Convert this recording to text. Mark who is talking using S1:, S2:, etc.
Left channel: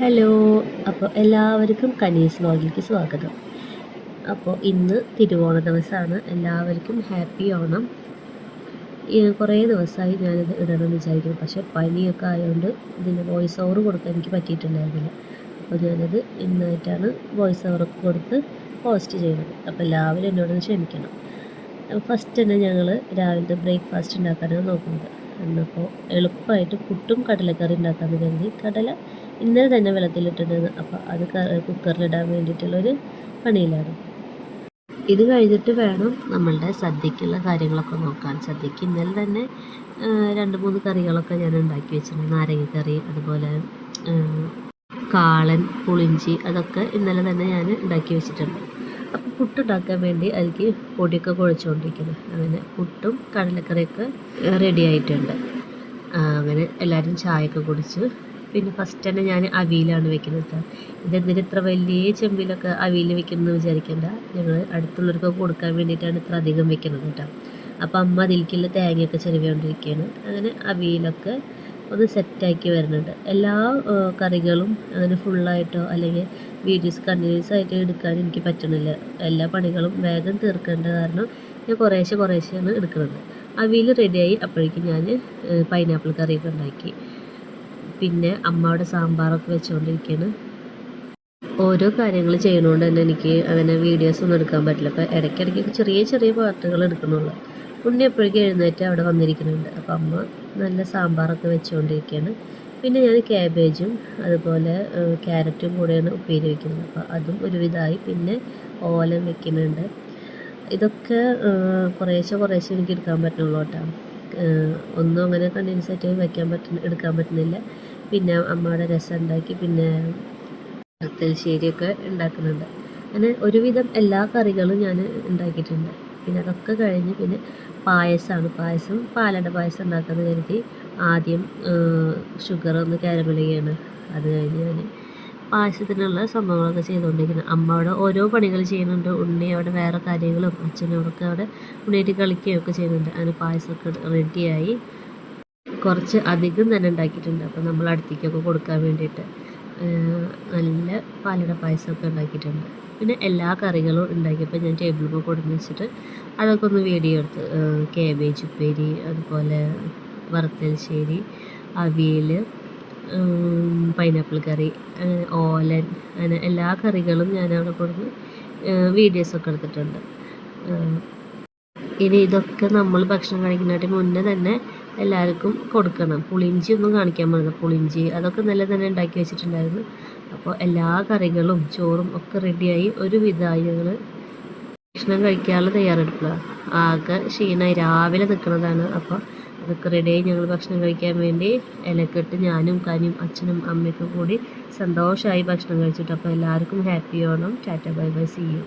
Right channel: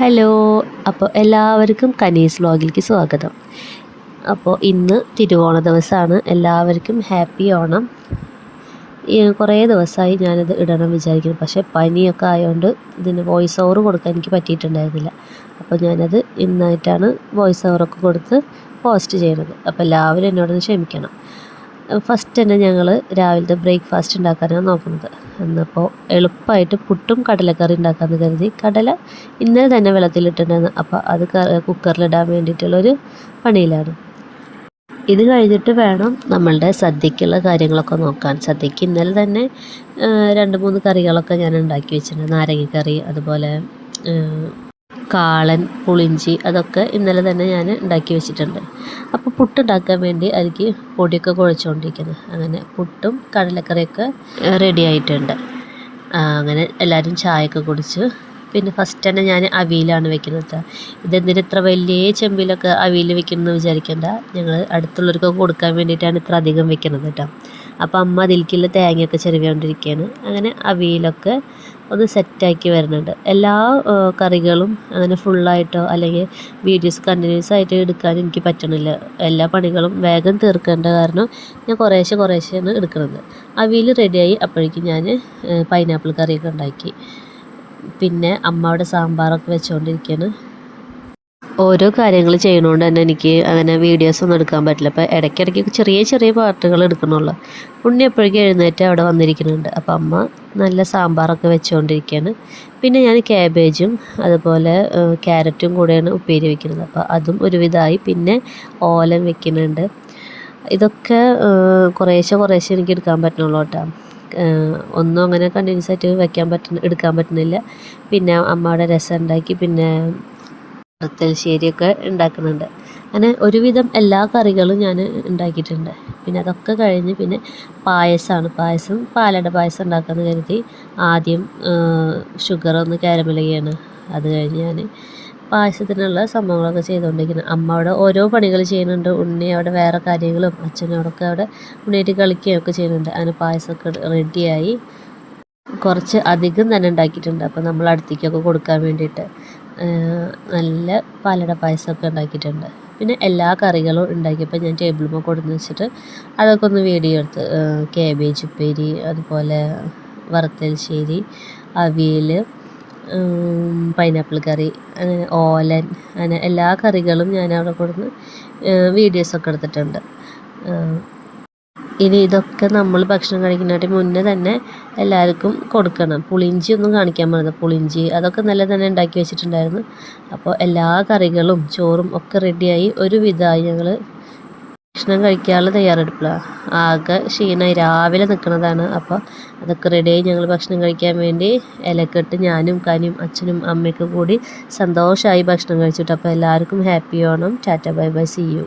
S1: Hello അപ്പോൾ എല്ലാവർക്കും കനീസ് വ്ലോഗിലേക്ക് സ്വാഗതം. അപ്പോൾ ഇന്ന് തിരുവോണ ദിവസമാണ് എല്ലാവർക്കും ഹാപ്പി ഓണം. കുറേ ദിവസമായി ഞാനിത് ഇടണം വിചാരിക്കുന്നു. പക്ഷേ പനിയൊക്കെ ആയതുകൊണ്ട് ഇതിന് വോയിസ് ഓവർ കൊടുക്കാൻ എനിക്ക് പറ്റിയിട്ടുണ്ടായിരുന്നില്ല. അപ്പോൾ ഞാനത് ഇന്നായിട്ടാണ് വോയിസ് ഓവറൊക്കെ കൊടുത്ത് പോസ്റ്റ് ചെയ്യുന്നത്. അപ്പോൾ എല്ലാവരും എന്നോടൊന്ന് ക്ഷമിക്കണം. ഫസ്റ്റ് തന്നെ ഞങ്ങൾ രാവിലത്തെ ബ്രേക്ക്ഫാസ്റ്റ് ഉണ്ടാക്കാനാണ് നോക്കുന്നത്. എന്നപ്പോൾ എളുപ്പമായിട്ട് പുട്ടും കടലക്കറി ഉണ്ടാക്കാമെന്ന് കരുതി. കടല ഇന്നലെ തന്നെ വെള്ളത്തിലിട്ടിട്ടുണ്ടായിരുന്നു. അപ്പോൾ അത് കുക്കറിലിടാൻ വേണ്ടിയിട്ടുള്ളൊരു പണിയിലാണ്. ഇത് കഴിഞ്ഞിട്ട് വേണം നമ്മളുടെ സദ്യക്കുള്ള കാര്യങ്ങളൊക്കെ നോക്കാൻ. സദ്യക്ക് ഇന്നലെ തന്നെ രണ്ട് മൂന്ന് കറികളൊക്കെ ഞാൻ ഉണ്ടാക്കി വെച്ചിട്ടുണ്ട്. നാരങ്ങക്കറി അതുപോലെ കാളൻ പുളിഞ്ചി അതൊക്കെ ഇന്നലെ തന്നെ ഞാൻ ഉണ്ടാക്കി വെച്ചിട്ടുണ്ട്. അപ്പോൾ പുട്ട് ഉണ്ടാക്കാൻ വേണ്ടി അതിക്ക് പൊടിയൊക്കെ കുഴച്ചുകൊണ്ടിരിക്കുന്നത് അങ്ങനെ പുട്ടും കടലക്കറിയൊക്കെ റെഡി ആയിട്ടുണ്ട്. അങ്ങനെ എല്ലാവരും ചായയൊക്കെ കുടിച്ച്. പിന്നെ ഫസ്റ്റ് തന്നെ ഞാൻ അവിയിലാണ് വെക്കുന്നത് ഇതെന്തിന് ഇത്ര വലിയ ചെമ്പിലൊക്കെ അവിയിൽ വെക്കുന്നതെന്ന് വിചാരിക്കേണ്ട. ഞങ്ങൾ അടുത്തുള്ളവർക്ക് കൊടുക്കാൻ വേണ്ടിയിട്ടാണ് ഇത്ര അധികം വെക്കുന്നത് കേട്ടോ അപ്പോൾ അമ്മ അതിലേക്കുള്ള തേങ്ങയൊക്കെ ചെരുവിക്കൊണ്ടിരിക്കുകയാണ് അങ്ങനെ അവിയിലൊക്കെ ഒന്ന് സെറ്റാക്കി വരുന്നുണ്ട്. എല്ലാ കറികളും അങ്ങനെ ഫുള്ളായിട്ടോ അല്ലെങ്കിൽ വീഡിയോസ് കണ്ടിന്യൂസ് ആയിട്ട് എടുക്കാൻ എനിക്ക് പറ്റണില്ല. എല്ലാ പണികളും വേഗം തീർക്കേണ്ട കാരണം ഞാൻ കുറേശ്ശെ കുറേശ്ശെയാണ് എടുക്കുന്നത്. അവിയിൽ റെഡിയായി അപ്പോഴേക്കും ഞാൻ പൈനാപ്പിൾ കറിയൊക്കെ ഉണ്ടാക്കി. പിന്നെ അമ്മയുടെ സാമ്പാറൊക്കെ വെച്ചുകൊണ്ടിരിക്കുകയാണ് ഓരോ കാര്യങ്ങൾ ചെയ്യണോണ്ട് തന്നെ എനിക്ക് അങ്ങനെ വീഡിയോസ് ഒന്നും എടുക്കാൻ പറ്റില്ല. അപ്പോൾ ഇടയ്ക്കിടയ്ക്ക് ചെറിയ ചെറിയ പാർട്ടുകൾ എടുക്കണുള്ളൂ ഉണ്ണി എപ്പോഴേക്കും എഴുന്നേറ്റ് അവിടെ വന്നിരിക്കുന്നുണ്ട്. അപ്പോൾ അമ്മ നല്ല സാമ്പാറൊക്കെ വെച്ചുകൊണ്ടിരിക്കുകയാണ് പിന്നെ ഞാൻ ക്യാബേജും അതുപോലെ ക്യാരറ്റും കൂടെയാണ് ഉപ്പേരി വെക്കുന്നത്. അപ്പോൾ അതും ഒരുവിധമായി പിന്നെ ഓലം വെക്കുന്നുണ്ട്. ഇതൊക്കെ കുറേശ്ശെ കുറേശ്ശെ എനിക്ക് എടുക്കാൻ പറ്റണുള്ളൂ കേട്ടോ. ഒന്നും അങ്ങനെ കണ്ടിന്യൂസ് ആയിട്ട് വയ്ക്കാൻ പറ്റുന്ന എടുക്കാൻ പറ്റുന്നില്ല. പിന്നെ അമ്മയുടെ രസം ഉണ്ടാക്കി പിന്നെ വറുത്തൽശ്ശേരിയൊക്കെ ഉണ്ടാക്കുന്നുണ്ട്. അങ്ങനെ ഒരുവിധം എല്ലാ കറികളും ഞാൻ ഉണ്ടാക്കിയിട്ടുണ്ട്. പിന്നെ അതൊക്കെ കഴിഞ്ഞ് പിന്നെ പായസമാണ് പായസം പാലട പായസം ഉണ്ടാക്കാമെന്ന് കരുതി ആദ്യം ഷുഗർ ഒന്ന് കാരമൽ അത് കഴിഞ്ഞ് ഞാൻ പായസത്തിനുള്ള സംഭവങ്ങളൊക്കെ ചെയ്തുകൊണ്ടിരിക്കുന്നത് അമ്മ അവിടെ ഓരോ പണികൾ ചെയ്യുന്നുണ്ട്. ഉണ്ണി അവിടെ വേറെ കാര്യങ്ങളും അച്ഛനോടൊക്കെ അവിടെ ഉണ്ണിയായിട്ട് കളിക്കുകയൊക്കെ ചെയ്യുന്നുണ്ട്. അങ്ങനെ പായസമൊക്കെ റെഡിയായി കുറച്ച് അധികം തന്നെ ഉണ്ടാക്കിയിട്ടുണ്ട്. അപ്പോൾ നമ്മൾ അടുത്തേക്കൊക്കെ കൊടുക്കാൻ വേണ്ടിയിട്ട്. നല്ല പാലട പായസമൊക്കെ ഉണ്ടാക്കിയിട്ടുണ്ട്. പിന്നെ എല്ലാ കറികളും ഉണ്ടാക്കിയപ്പോൾ ഞാൻ ടേബിളിൽ കൊടുന്ന് വെച്ചിട്ട് അതൊക്കെ ഒന്ന് വീഡിയോ എടുത്ത് കേബേജ് ഉപ്പേരി അതുപോലെ വറുത്തൽശ്ശേരി അവിയൽ പൈനാപ്പിൾ കറി അങ്ങനെ ഓലൻ അങ്ങനെ എല്ലാ കറികളും ഞാൻ അവിടെ കൊടുന്ന് വീഡിയോസൊക്കെ എടുത്തിട്ടുണ്ട്. ഇനി ഇതൊക്കെ നമ്മൾ ഭക്ഷണം കഴിക്കുന്നതിന് മുന്നേ തന്നെ എല്ലാവർക്കും കൊടുക്കണം. പുളിഞ്ചി ഒന്നും കാണിക്കാൻ പറഞ്ഞത് പുളിഞ്ചി അതൊക്കെ നല്ല തന്നെ ഉണ്ടാക്കി വെച്ചിട്ടുണ്ടായിരുന്നു. അപ്പോൾ എല്ലാ കറികളും ചോറും ഒക്കെ റെഡിയായി ഒരു വിധമായി ഞങ്ങൾ ഭക്ഷണം കഴിക്കാനുള്ള തയ്യാറെടുപ്പിലാണ് ആകെ ക്ഷീണമായി രാവിലെ നിൽക്കുന്നതാണ്. അപ്പോൾ അതൊക്കെ റെഡിയായി ഞങ്ങൾ ഭക്ഷണം കഴിക്കാൻ വേണ്ടി ഇലക്കെട്ട് ഞാനും കനിയും അച്ഛനും അമ്മയ്ക്കും കൂടി സന്തോഷമായി ഭക്ഷണം കഴിച്ചിട്ട് അപ്പോൾ എല്ലാവർക്കും happy Onam. Tata bye bye. See you